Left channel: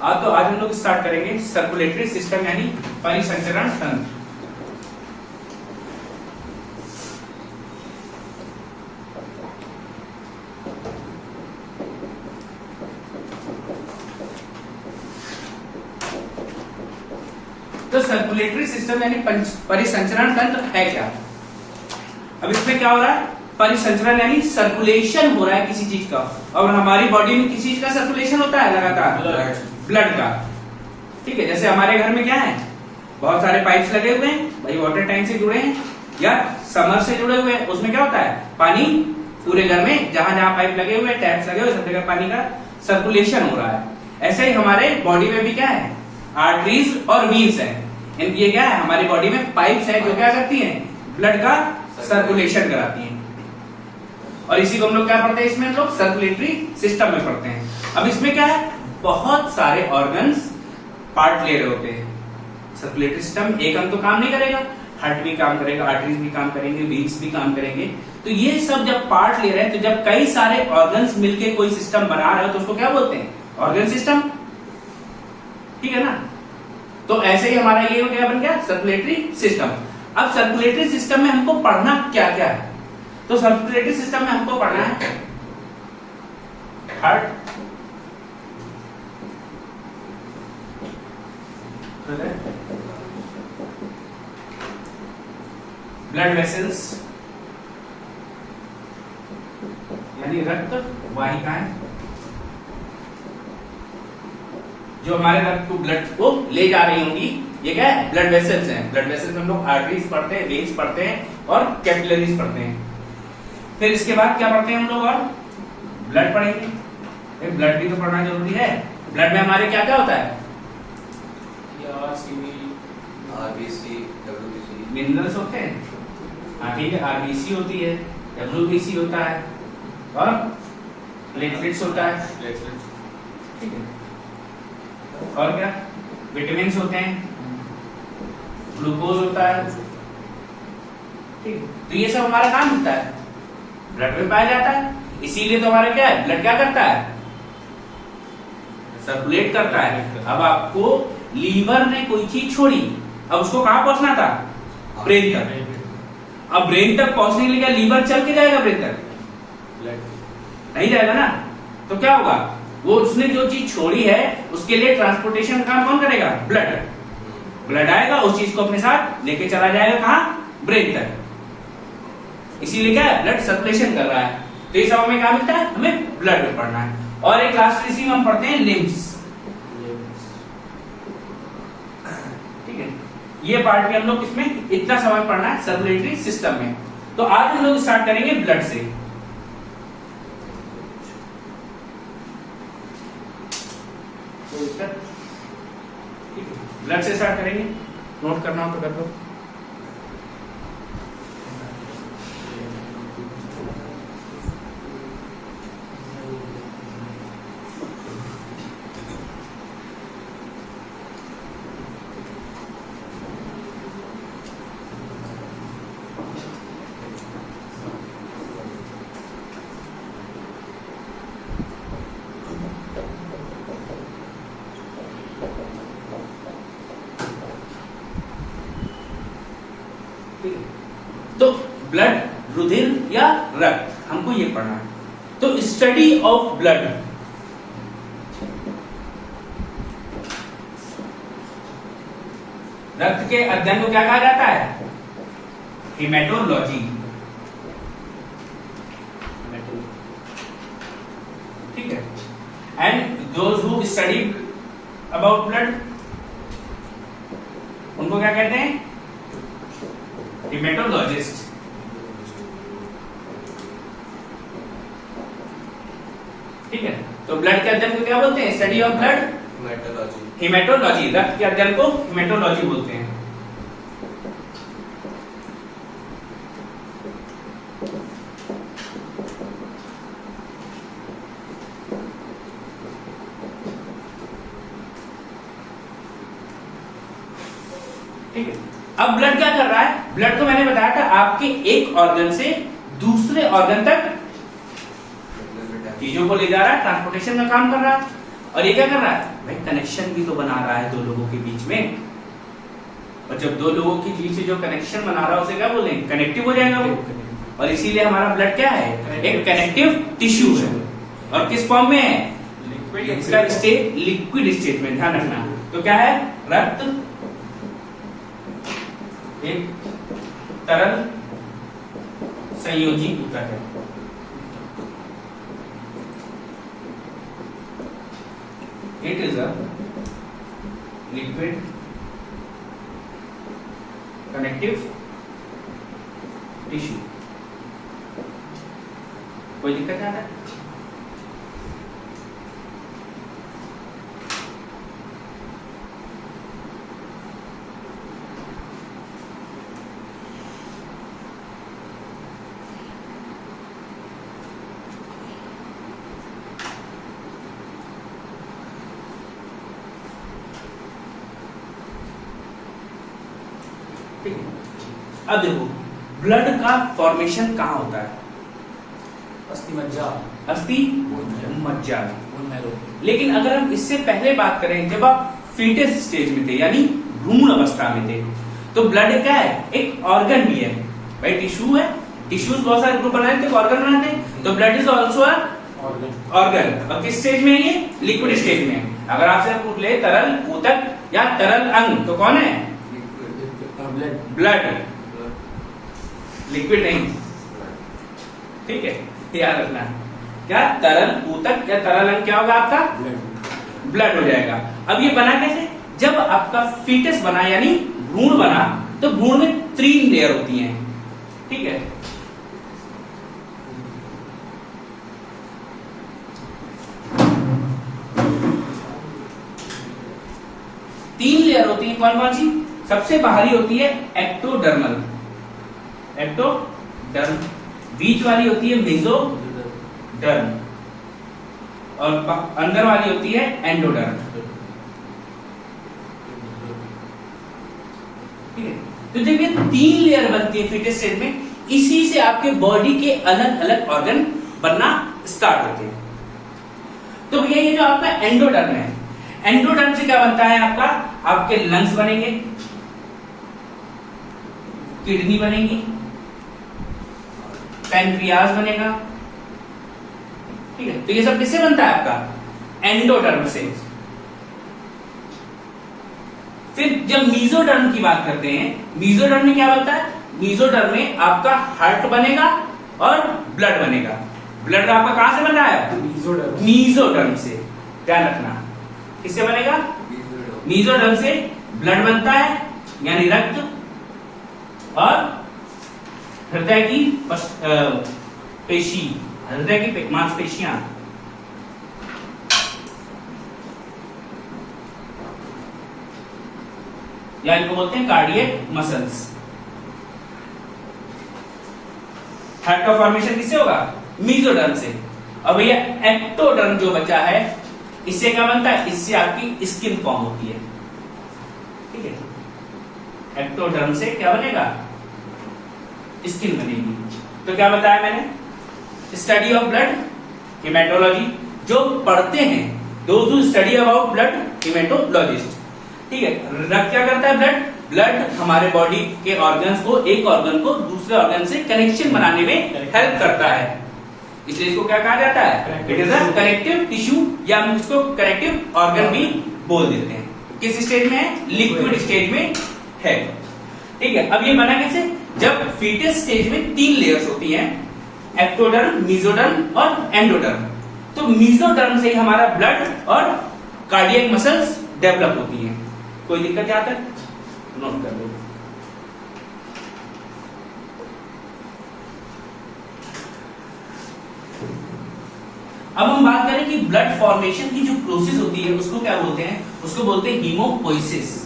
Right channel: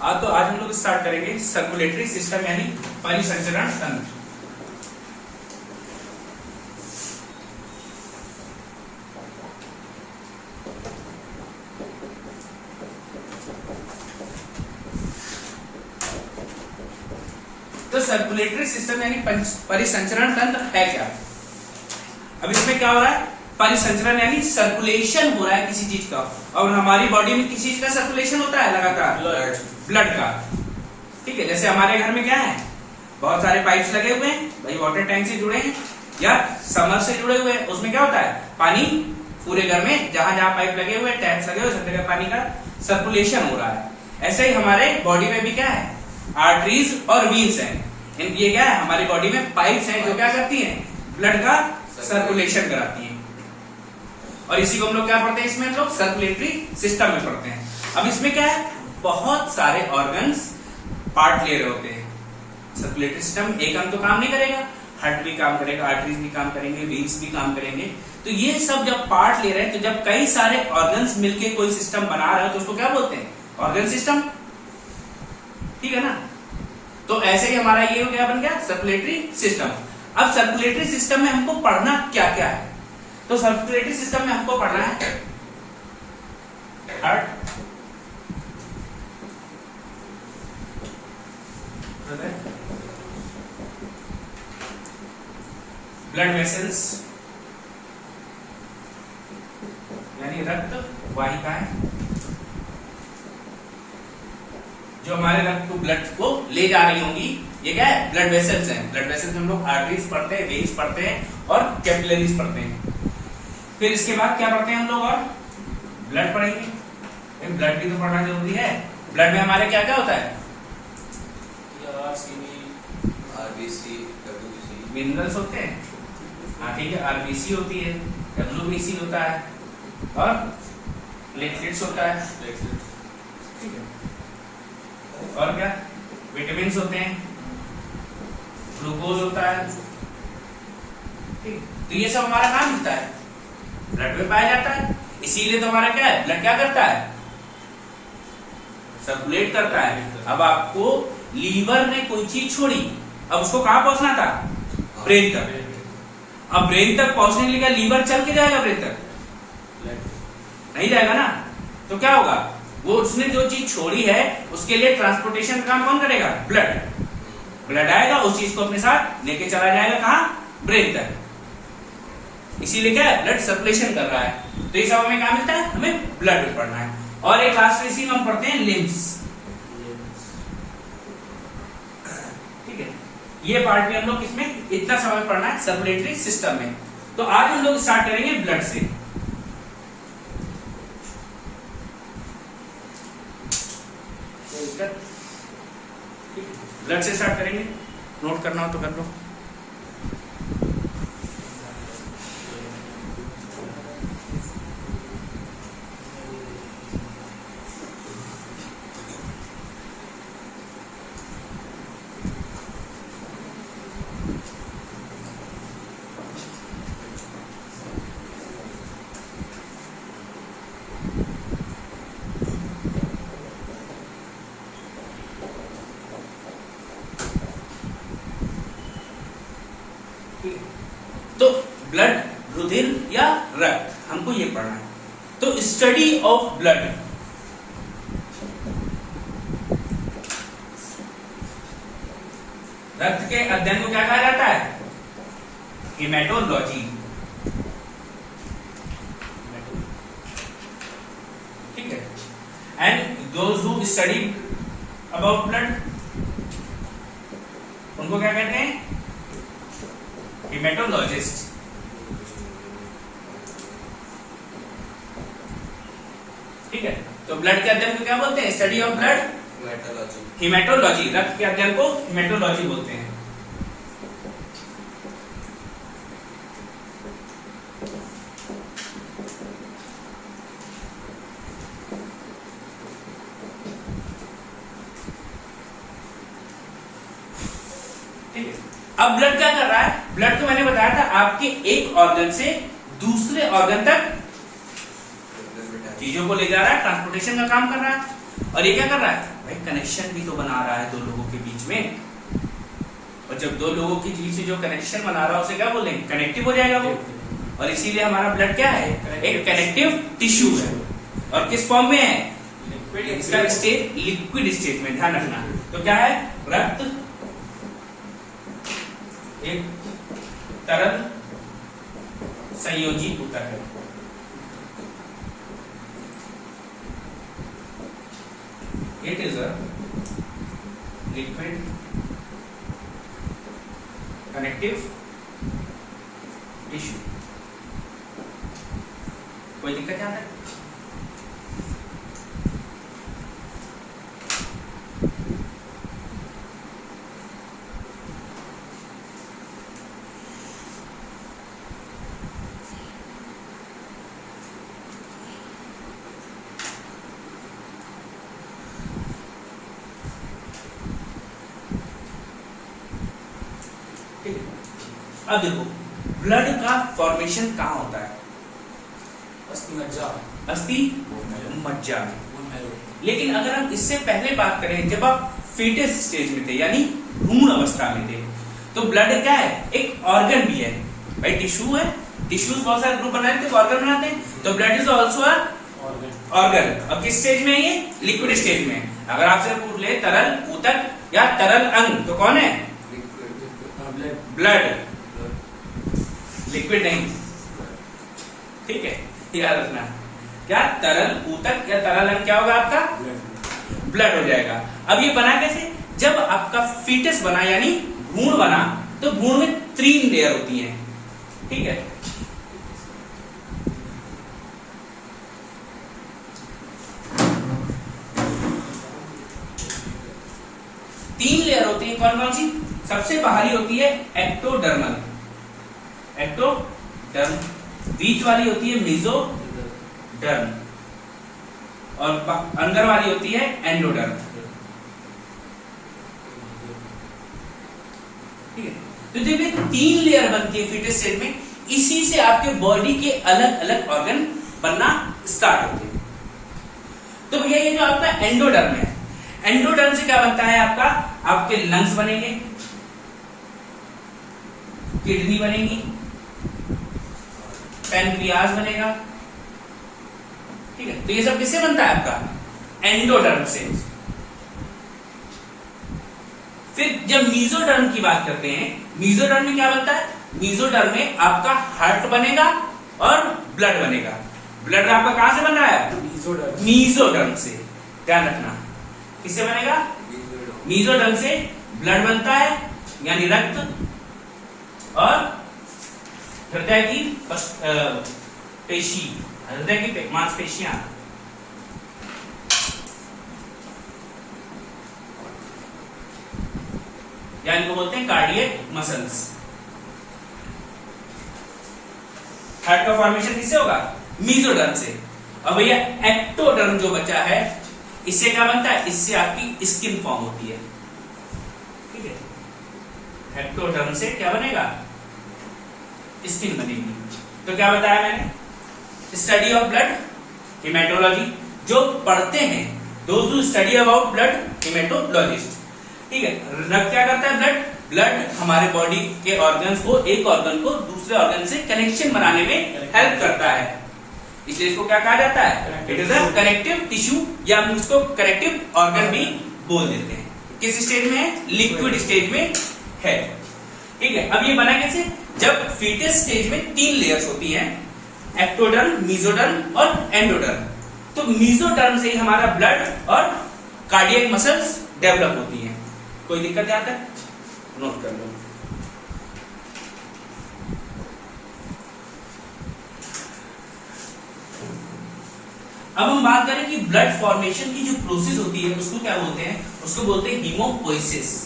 तो आज हम लोग स्टार्ट करेंगे सर्कुलेटरी सिस्टम यानी परिसंचरण तंत्र। तो सर्कुलेटरी सिस्टम यानी परिसंचरण तंत्र है क्या? अब इसमें क्या हो रहा है? परिसंचरण यानी सर्कुलेशन हो रहा है किसी चीज का, और हमारी बॉडी में किसी चीज का सर्कुलेशन होता है लगातार, ब्लड का। ठीक है, जैसे हमारे घर में क्या है, बहुत सारे पाइप्स लगे हुए हैं, भाई वाटर टैंक से जुड़े हैं या समर से जुड़े हुए हैं। उसमें क्या होता है, पानी पूरे घर में जहां जहां पाइप लगे हुए, टैप्स लगे हुए, सब जगह पानी का सर्कुलेशन हो रहा है। ऐसे ही हमारे बॉडी में भी क्या है, आर्टरीज और वीन्स है। इनकी ये क्या है, हमारी बॉडी में पाइप्स है जो क्या करती हैं, ब्लड का सर्कुलेशन कराती हैं। और इसी को हम लोग क्या पढ़ते हैं, इसमें हम लोग सर्कुलेटरी सिस्टम में पढ़ते हैं। अब इसमें क्या है, बहुत सारे ऑर्गन्स पार्ट ले रहे होते हैं। सर्कुलेटरी सिस्टम एक अंग तो काम नहीं करेगा, हार्ट भी काम करेगा, आर्टरीज भी काम करेंगे, वीन्स भी काम करेंगे। तो ये सब जब पार्ट ले रहे हैं, तो जब कई सारे ऑर्गन्स मिलके कोई सिस्टम बना रहे हो तो उसको क्या बोलते हैं, ऑर्गन सिस्टम। ठीक है ना? तो ऐसे ही हमारा ये क्या बन गया, सर्कुलेटरी सिस्टम। अब सर्कुलेटरी सिस्टम में हमको पढ़ना क्या क्या है? तो सर्कुलेटरी सिस्टम में हमको पढ़ना है हार्ट, ब्लड वेसल्स यानी रक्त वाहिकाएं, जो हमारे रक्त को, ब्लड को ले जा रही होंगी, ये क्या है, ब्लड वेसल्स हैं। ब्लड वेसल्स में हम लोग आर्टरीज पढ़ते हैं, वेन्स पढ़ते हैं और कैपिलरीज पढ़ते हैं। फिर इसके बाद क्या पढ़ते हैं हम लोग, और ब्लड पढ़ेंगे। ब्लड भी तो पढ़ना जरूरी है। ब्लड में हमारे क्या क्या होता है, मिनरल्स होते हैं, हाँ ठीक है, आरबीसी होती है, डब्ल्यूबीसी होता है और प्लेटलेट्स होता है। ठीक है, और क्या, विटामिन्स होते हैं, ग्लूकोज होता है। ठीक, तो ये सब हमारा काम होता है, ब्लड में पाया जाता है। इसीलिए तो हमारा क्या है, ब्लड क्या करता है, सर्कुलेट करता है। अब आपको लीवर ने कोई चीज छोड़ी, अब उसको कहां पहुंचना था, ब्रेन तक। अब ब्रेन तक पहुंचने के लिए क्या लीवर चल के जाएगा ब्रेन तक? नहीं जाएगा ना। तो क्या होगा, वो उसने जो चीज छोड़ी है उसके लिए ट्रांसपोर्टेशन काम कौन करेगा, ब्लड। ब्लड आएगा, उस चीज को अपने साथ लेके चला जाएगा कहां, ब्रेन तक। इसीलिए क्या है, ब्लड सर्कुलेशन कर रहा है। तो ये सब हमें क्या मिलता है, हमें ब्लड में पढ़ना है। और एक लास्ट इसी में हम पढ़ते हैं लिम्स। ठीक है, ये पार्ट भी हम लोग इसमें इतना समय पढ़ना है सर्कुलेटरी सिस्टम में। तो आज हम लोग स्टार्ट करेंगे ब्लड से। ब्लड से स्टार्ट करेंगे, नोट करना हो तो कर लो। तो ब्लड, रुधिर या रक्त, हमको ये पढ़ना है। तो स्टडी ऑफ ब्लड, रक्त के अध्ययन को क्या कहा जाता है, हेमेटोलॉजी। ठीक है, and those who study about blood, उनको क्या कहते हैं, हेमेटोलॉजिस्ट। ठीक है, तो ब्लड के अध्ययन को क्या बोलते हैं, स्टडी ऑफ ब्लड, हेमेटोलॉजी। रक्त के अध्ययन को हेमेटोलॉजी बोलते हैं। ठीक है, अब ब्लड क्या कर रहा है, ब्लड को मैंने बताया था आपके एक ऑर्गन से दूसरे ऑर्गन तक चीजों को ले जा रहा है, ट्रांसपोर्टेशन का काम कर रहा है। और ये क्या कर रहा है भाई, कनेक्शन भी तो बना रहा है दो लोगों के बीच में। और जब दो लोगों के बीच में जो कनेक्शन बना रहा है उसे क्या बोलेंगे, कनेक्टिव हो जाएगा वो। और इसीलिए हमारा ब्लड क्या है, एक कनेक्टिव टिश्यू है। और किस फॉर्म में है, इसका स्टेट लिक्विड स्टेट में, ध्यान रखना। तो क्या है, रक्त एक तरल संयोजी ऊतक है। It is a liquid connective tissue. कोई दिक्कत यहाँ है? अब देखो ब्लड का फॉर्मेशन कहाँ होता है, अस्थि मज्जा, अस्थि मज्जा में। लेकिन अगर हम इससे पहले बात करें, जब आप फीटस स्टेज में थे यानी भ्रूण अवस्था में थे, तो ब्लड क्या है, एक ऑर्गन भी है भाई, टिश्यू है। टिश्यूज बहुत सारे ग्रुप बनाए थे, ऑर्गन बनाते हैं। तो ब्लड इज ऑल्सो ऑर्गन। अब किस स्टेज में है ये, लिक्विड स्टेज में है। अगर आपसे पूछ ले तरल ऊतक या तरल अंग, तो कौन है, ब्लड, लिक्विड नहीं, ठीक है, याद रखना। क्या तरल ऊतक या तरल अंग क्या होगा आपका, ब्लड हो जाएगा। अब ये बना कैसे, जब आपका फीटस बना यानी भ्रूण बना, तो भ्रूण में 3 लेयर होती हैं, ठीक है। तीन लेयर होती है, कौन कौन सी, सबसे बाहरी होती है एक्टोडर्मल, एक्टोडर्म, बीच वाली होती है मेसोडर्म, और अंदर वाली होती है एंडोडर्म, ठीक है। तो जब ये 3 लेयर बनती है फीटस स्टेज में, इसी से आपके बॉडी के अलग अलग ऑर्गन बनना स्टार्ट होते हैं। तो भैया ये जो आपका एंडोडर्म है, एंडोडर्म से क्या बनता है आपका, आपके लंग्स बनेंगे, किडनी बनेगी, पैनक्रियाज बनेगा, ठीक है। तो ये सब किससे बनता है आपका, एंडोडर्म से। फिर जब मीजोडर्म की बात करते हैं, मीजोडर्म में क्या बनता है, मीजोडर्म में आपका हार्ट बनेगा और ब्लड बनेगा। ब्लड आपका कहां से बन रहा है, मीजोडर्म से, ध्यान रखना। किससे बनेगा, मीजोडर्म से ब्लड बनता है यानी रक्त, और हृदय की पेशी, हृदय की मांसपेशियां, या इनको बोलते हैं कार्डियक मसल्स। हार्ट का फॉर्मेशन किससे होगा, मीजोडर्म से। अब भैया एक्टोडर्म जो बचा है, इससे क्या बनता है, इससे आपकी स्किन फॉर्म होती है, ठीक है। एक्टोडर्म से क्या बनेगा, स्किन बनेगी। तो क्या बताया मैंने, स्टडी ऑफ ब्लड, हिमेटोलॉजी, जो पढ़ते हैं, those who study about blood, haematologist, ठीक है। रक्त क्या करता है, ब्लड हमारे बॉडी के ऑर्गन्स को, एक ऑर्गन को दूसरे ऑर्गन से कनेक्शन बनाने में हेल्प करता है, इसलिए इसको क्या कहा जाता है, it is a connective tissue, या हम इसको कनेक्टिव ऑर्गन भी बोल देते हैं। किस स्टेज में है, लिक्विड स्टेज में है, ठीक है। अब ये बना कैसे, जब फीटस स्टेज में 3 लेयर्स होती हैं, एक्टोडर्म, मीजोडर्म और एंडोडर्म। तो मीजोडर्म से हमारा ब्लड और कार्डियक मसल्स डेवलप होती हैं। कोई दिक्कत यहां तक, नोट कर लो। अब हम बात करें कि ब्लड फॉर्मेशन की जो प्रोसेस होती है उसको क्या बोलते हैं, उसको बोलते हैं haemopoiesis.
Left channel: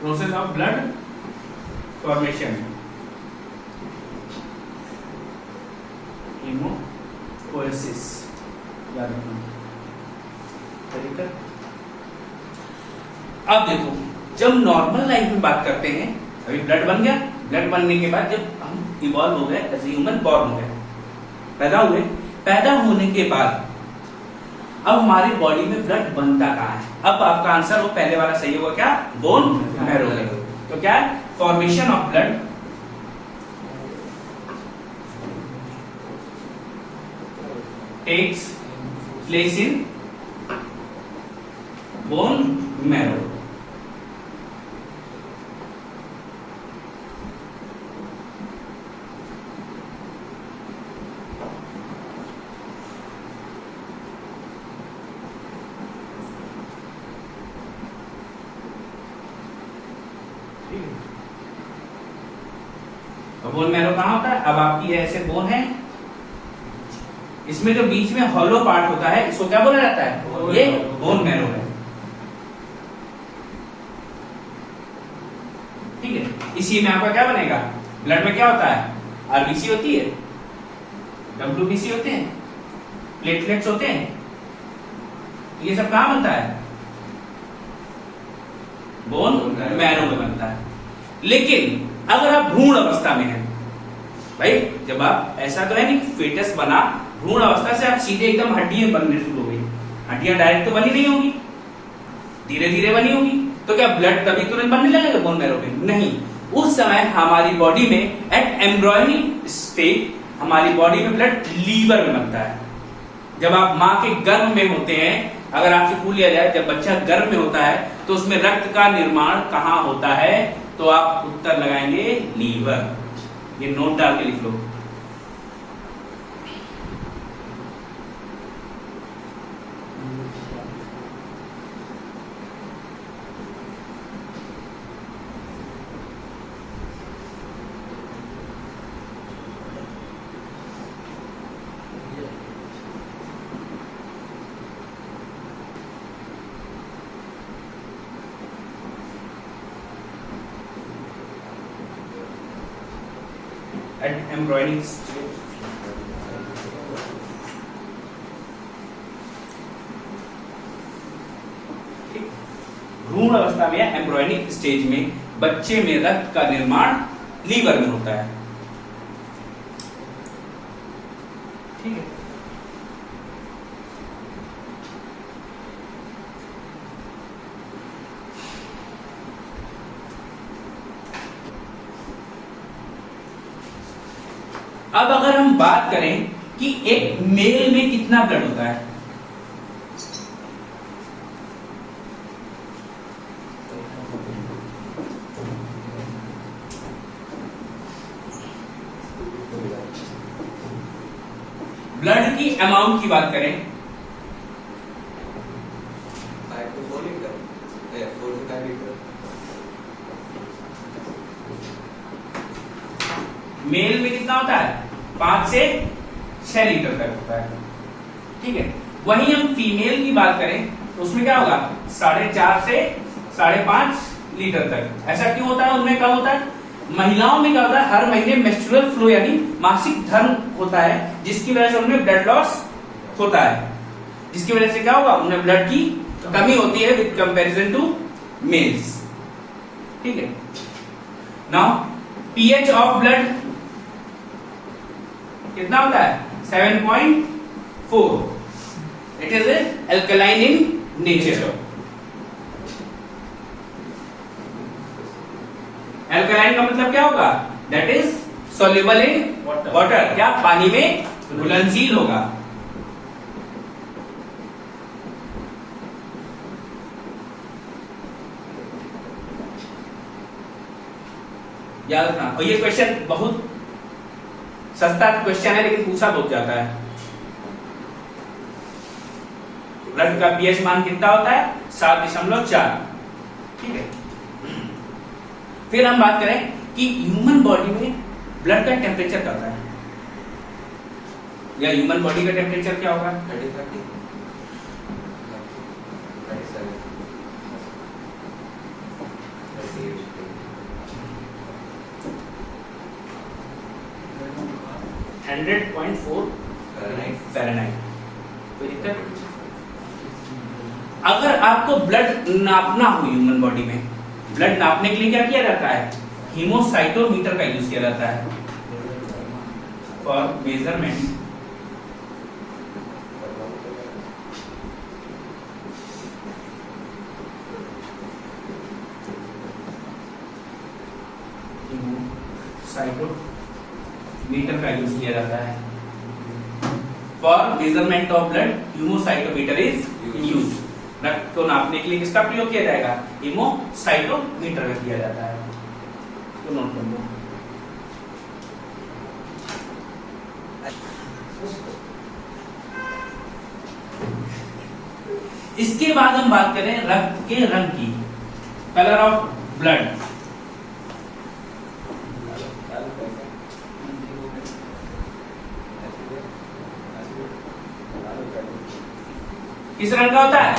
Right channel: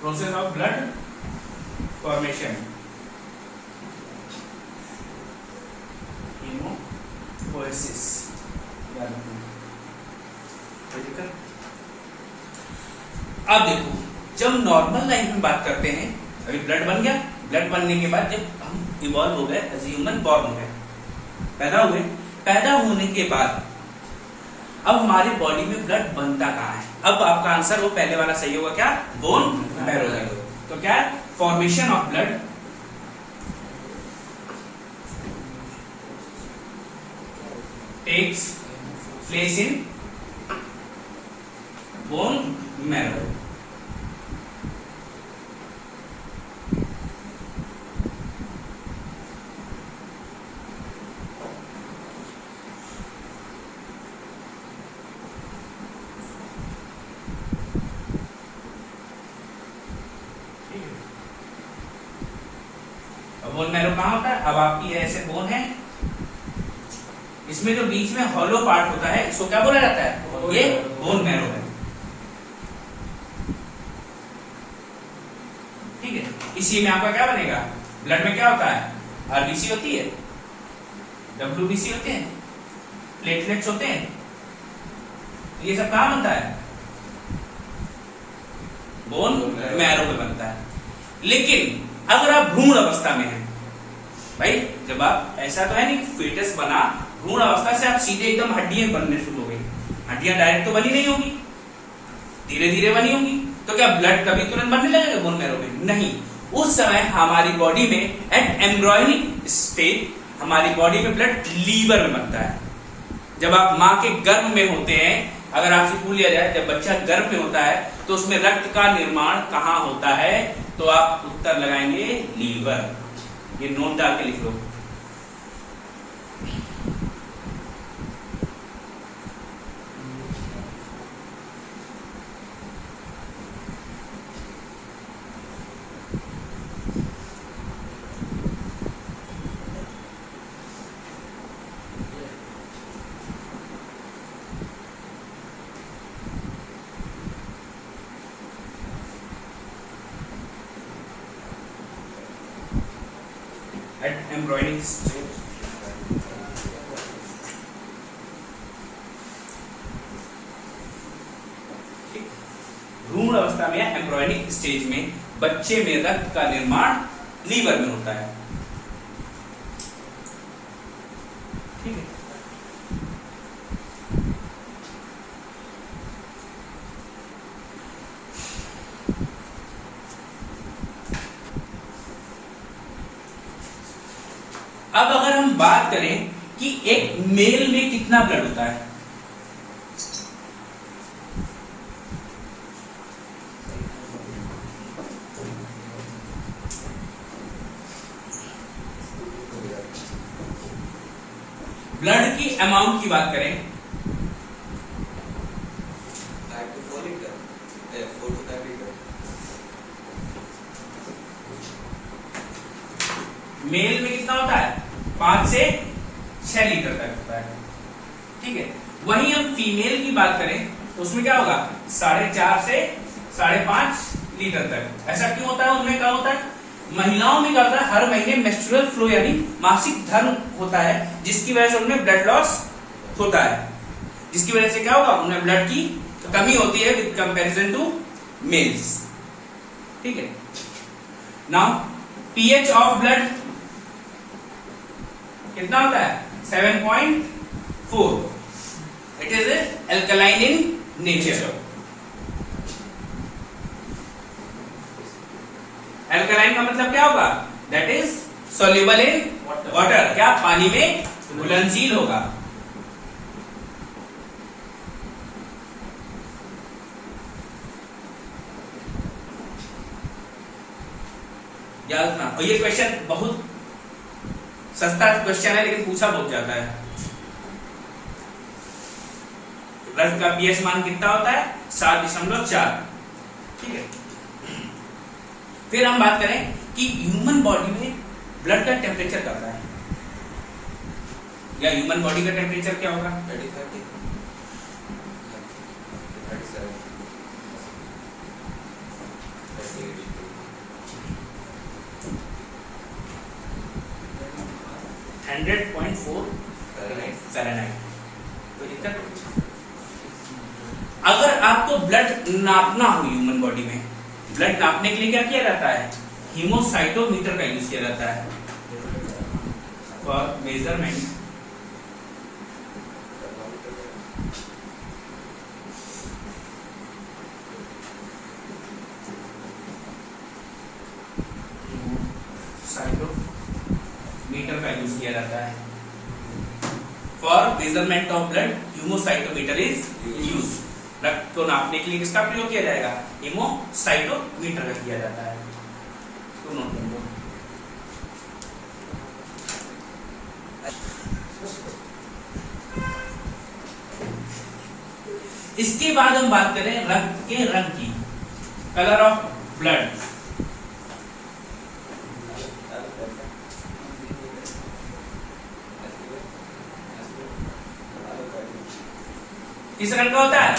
Process of blood formation. हिमोरेसिस, याद रखना। ठीक है, अब देखो जब नॉर्मल लाइफ में बात करते हैं, अभी ब्लड बन गया, ब्लड बनने के बाद जब हम इवॉल्व हो गए एज ह्यूमन, बॉर्न हो गए, पैदा हुए, पैदा होने के बाद अब हमारी बॉडी में ब्लड बनता कहाँ है? अब आपका आंसर वो पहले वाला सही होगा, क्या? Bone marrow. तो क्या है? Formation of blood takes place in bone marrow. Bone marrow कहाँ होता है? अब आपकी ऐसे बोन है, इसमें जो बीच में हॉलो पार्ट होता है इसको क्या बोला जाता है? ये बोन मैरो है। ठीक है, इसी में आपका क्या बनेगा? ब्लड में क्या होता है? आरबीसी होती है, डब्ल्यूबीसी होते हैं, प्लेटलेट्स होते हैं, ये सब कहाँ बनता है? बोन मैरो में बनता है। लेकिन अगर आप भ्रूण अवस्था में हैं, भाई जब आप, ऐसा तो है नहीं फेटस बना, भ्रूण अवस्था से आप सीधे एकदम हड्डियां बनने शुरू हो गई, हड्डियां डायरेक्ट तो बनी नहीं होंगी, धीरे धीरे बनी होंगी, तो क्या ब्लड कभी तुरंत बनने लगेगा बोन मैरो में? नहीं, उस समय हमारी बॉडी में एट एम्ब्रॉयनिक स्टेज हमारी बॉडी में ब्लड लीवर में बनता है। जब आप माँ के गर्भ में होते हैं, अगर आपसे पूछ लिया जाए जब बच्चा गर्भ में होता है तो उसमें रक्त का निर्माण कहाँ होता है, तो आप उत्तर लगाएंगे लीवर। ये नोट डाल के लिख लो। At embryonic stage, भ्रूण अवस्था में या एम्ब्रॉयनिक स्टेज में बच्चे में रक्त का निर्माण लीवर में होता है। ठीक है, अब अगर हम बात करें कि एक मेल में कितना ब्लड होता है, ब्लड की अमाउंट की बात करें, मेल में कितना होता है? 5 से 6 लीटर तक होता है। ठीक है, वहीं हम फीमेल की बात करें तो उसमें क्या होगा? 4.5 से 5.5 लीटर तक। ऐसा क्यों होता है? उनमें कम होता है। महिलाओं में क्या होता है? हर महीने मेंस्ट्रुअल फ्लो यानी मासिक धर्म होता है, जिसकी वजह से उनमें ब्लड लॉस होता है, जिसकी वजह से क्या होगा? उनमें ब्लड की कमी होती है विद कंपैरिजन टू मेल्स। ठीक है, नाउ पीएच ऑफ ब्लड कितना होता है? 7.4। It is alkaline in nature. Alkaline का मतलब क्या होगा? That is soluble in water. क्या? पानी में घुलनशील होगा। याद रखना। और ये क्वेश्चन बहुत सस्ता क्वेश्चन है, लेकिन पूछा बहुत जाता है। ब्लड का पीएच मान कितना होता है? 7.4। ठीक है, फिर हम बात करें कि ह्यूमन बॉडी में ब्लड का टेम्परेचर क्या होता है, या ह्यूमन बॉडी का टेम्परेचर क्या होगा? 100.4 फ़ारेनहाइट। कोई दिक्कत? अगर आपको ब्लड नापना हो ह्यूमन बॉडी में, ब्लड नापने के लिए क्या किया जाता है? हीमोसाइटोमीटर का यूज किया जाता है फॉर मेजरमेंट मीटर का यूज किया जाता है for measurement of blood. Haemocytometer is use. रक्त को नापने के लिए किसका प्रयोग किया जाएगा? हीमोसाइटोमीटर का किया जाता है। तो नोट कर लो। इसके बाद हम बात करें रक्त के रंग की, कलर ऑफ ब्लड। किस रंग का होता है?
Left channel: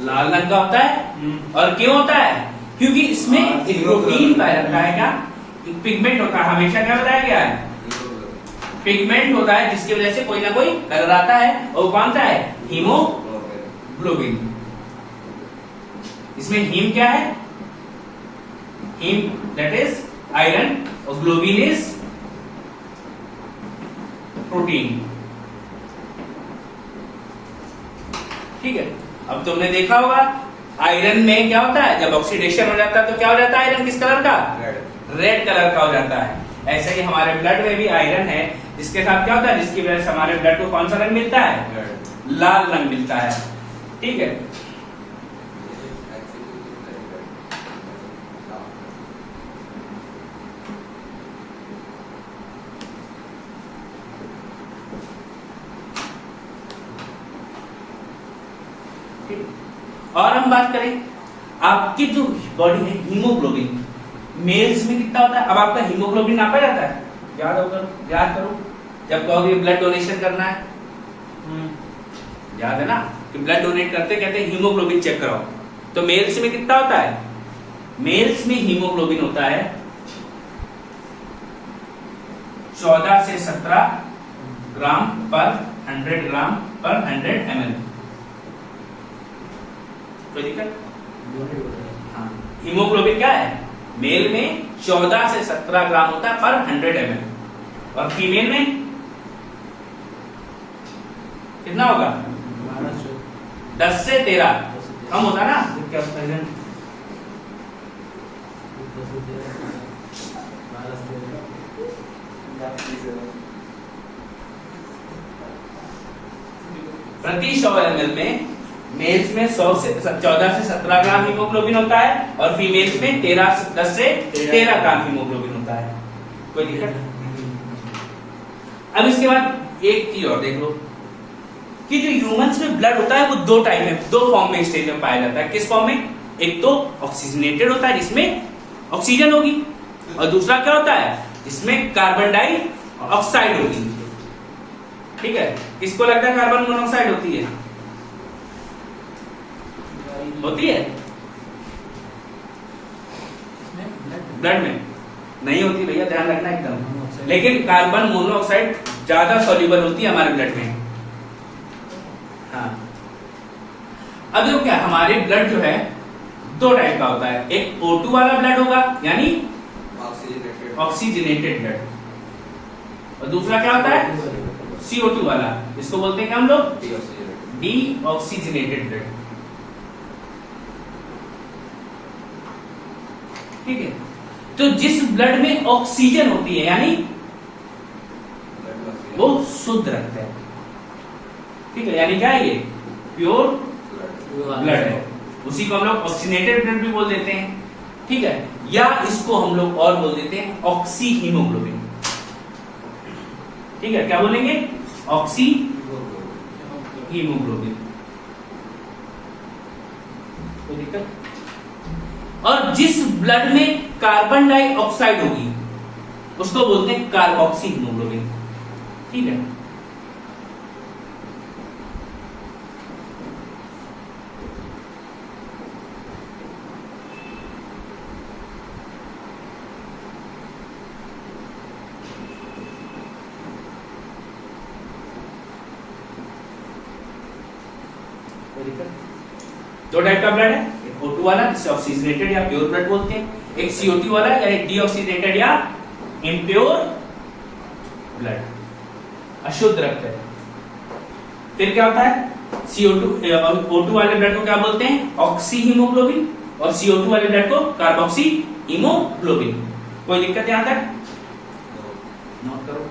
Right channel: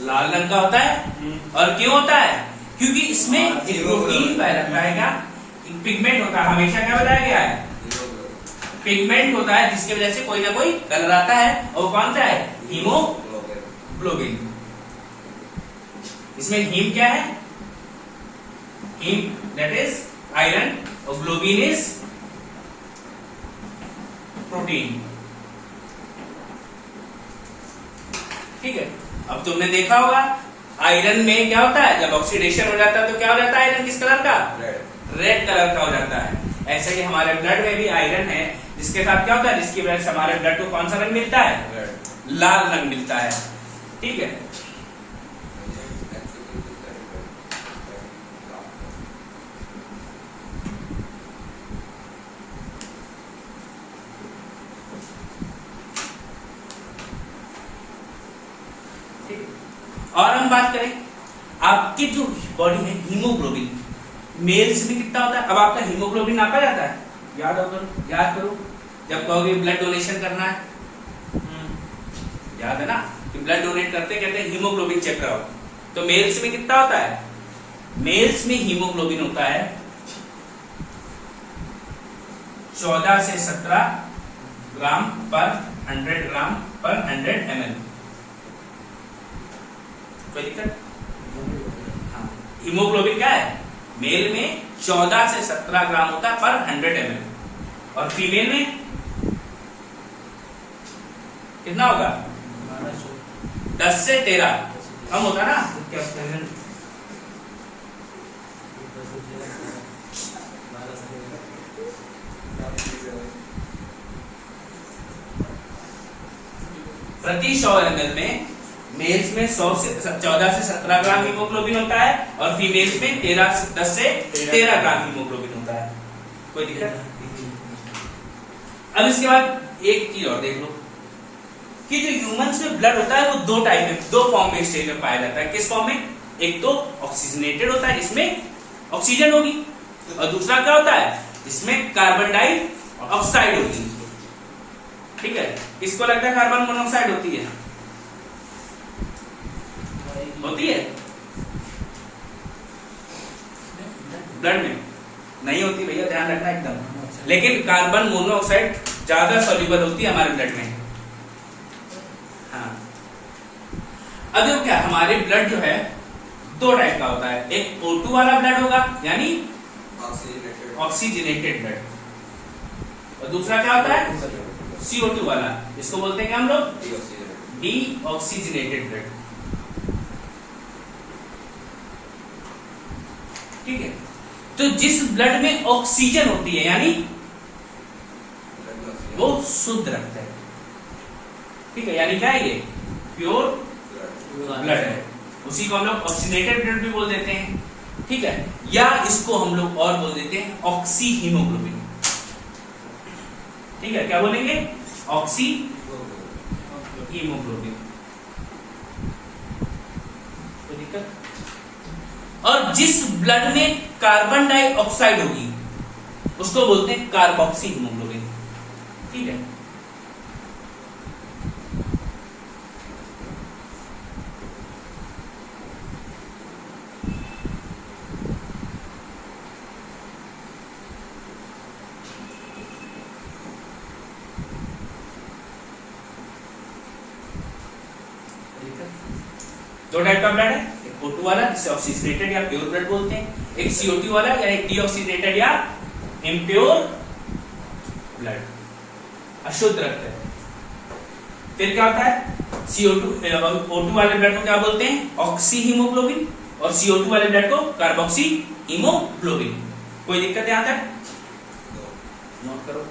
लाल रंग का होता है। और क्यों होता है? क्योंकि इसमें एक प्रोटीन पाया जाता है, क्या पिगमेंट होता है। हमेशा क्या बताया गया है? पिगमेंट होता है जिसकी वजह से कोई ना कोई कलर आता है, और कौन सा है? हीमोग्लोबिन। इसमें हीम क्या है? हीम दैट इज आयरन, और ग्लोबिन इज प्रोटीन। ठीक है। अब तुमने देखा होगा आयरन में क्या होता है, जब ऑक्सीडेशन हो जाता है तो क्या हो जाता है? आयरन किस कलर का? रेड कलर का हो जाता है। ऐसे ही हमारे ब्लड में भी आयरन है, जिसके साथ क्या होता है? जिसकी वजह से हमारे ब्लड को कौन सा रंग मिलता है? लाल रंग मिलता है। ठीक है। और हम बात करें आपकी जो बॉडी है, हीमोग्लोबिन मेल्स में कितना होता है? अब आपका हीमोग्लोबिन नापा जाता है, याद करो जब कहोगे ब्लड डोनेशन करना है, याद है ना कि ब्लड डोनेट करते कहते हैं हीमोग्लोबिन चेक कराओ। तो मेल्स में कितना होता है? मेल्स में हीमोग्लोबिन होता है 14 से 17 ग्राम पर 100 ग्राम पर 100 ml। कोई दिक्कत? हाँ, हीमोग्लोबिन क्या है? मेल में 14 से 17 ग्राम होता है पर 100 ml, और फीमेल में कितना होगा? 10 से 13 कम होता ना? प्रति 100 ml में मेल्स में 14 से 17 ग्राम हीमोग्लोबिन होता है, और फीमेल्स में 10 से 13 ग्राम हीमोग्लोबिन होता है। कोई दिक्कत? अब इसके बाद एक चीज और देख लो कि जो ह्यूमंस में ब्लड होता है वो दो टाइप में, दो फॉर्म में स्टेज में पाया जाता है। किस फॉर्म में? एक तो ऑक्सीजनेटेड होता है जिसमें ऑक्सीजन होगी, और दूसरा क्या होता है? जिसमें कार्बन डाइऑक्साइड होती है। ठीक है। किसको लगता है कार्बन मोनोऑक्साइड होती है? होती है ब्लड में? नहीं होती भैया, ध्यान रखना एकदम। लेकिन कार्बन मोनोऑक्साइड ज्यादा सॉल्युबल होती है हमारे ब्लड में। हाँ। अब देखो क्या, हमारे ब्लड जो है दो टाइप का होता है। एक O2 वाला ब्लड होगा, यानी ऑक्सीजनेटेड ब्लड, और दूसरा क्या होता है? CO2 वाला, जिसको बोलते हैं क्या हम लोग? Deoxygenated blood. ठीक है। तो जिस ब्लड में ऑक्सीजन होती है, यानी वो शुद्ध रक्त है। ठीक है, यानी क्या है? ये प्योर ब्लड है। उसी को हम लोग ऑक्सीजनेटेड ब्लड भी बोल देते हैं। ठीक है। या इसको हम लोग और बोल देते हैं ऑक्सी हीमोग्लोबिन। ठीक है, क्या बोलेंगे? Oxy haemoglobin. कोई दिक्कत? और जिस ब्लड में कार्बन डाइऑक्साइड होगी उसको बोलते हैं कार्बोक्सी हीमोग्लोबिन। ठीक है। दो टाइप का ब्लड है, एक O2 वाला जिसे ऑक्सीजनेटेड या प्योर ब्लड बोलते हैं, एक CO2 वाला या एक डीऑक्सीजनेटेड या इम्प्योर ब्लड, अशुद्ध रक्त है। फिर क्या होता है, O2 वाले ब्लड को क्या बोलते हैं, ऑक्सी हीमोग्लोबिन, और CO2 वाले ब्लड को कार्बोक्सी हीमोग्लोबिन। कोई दिक्कत यहां तक? नोट करो।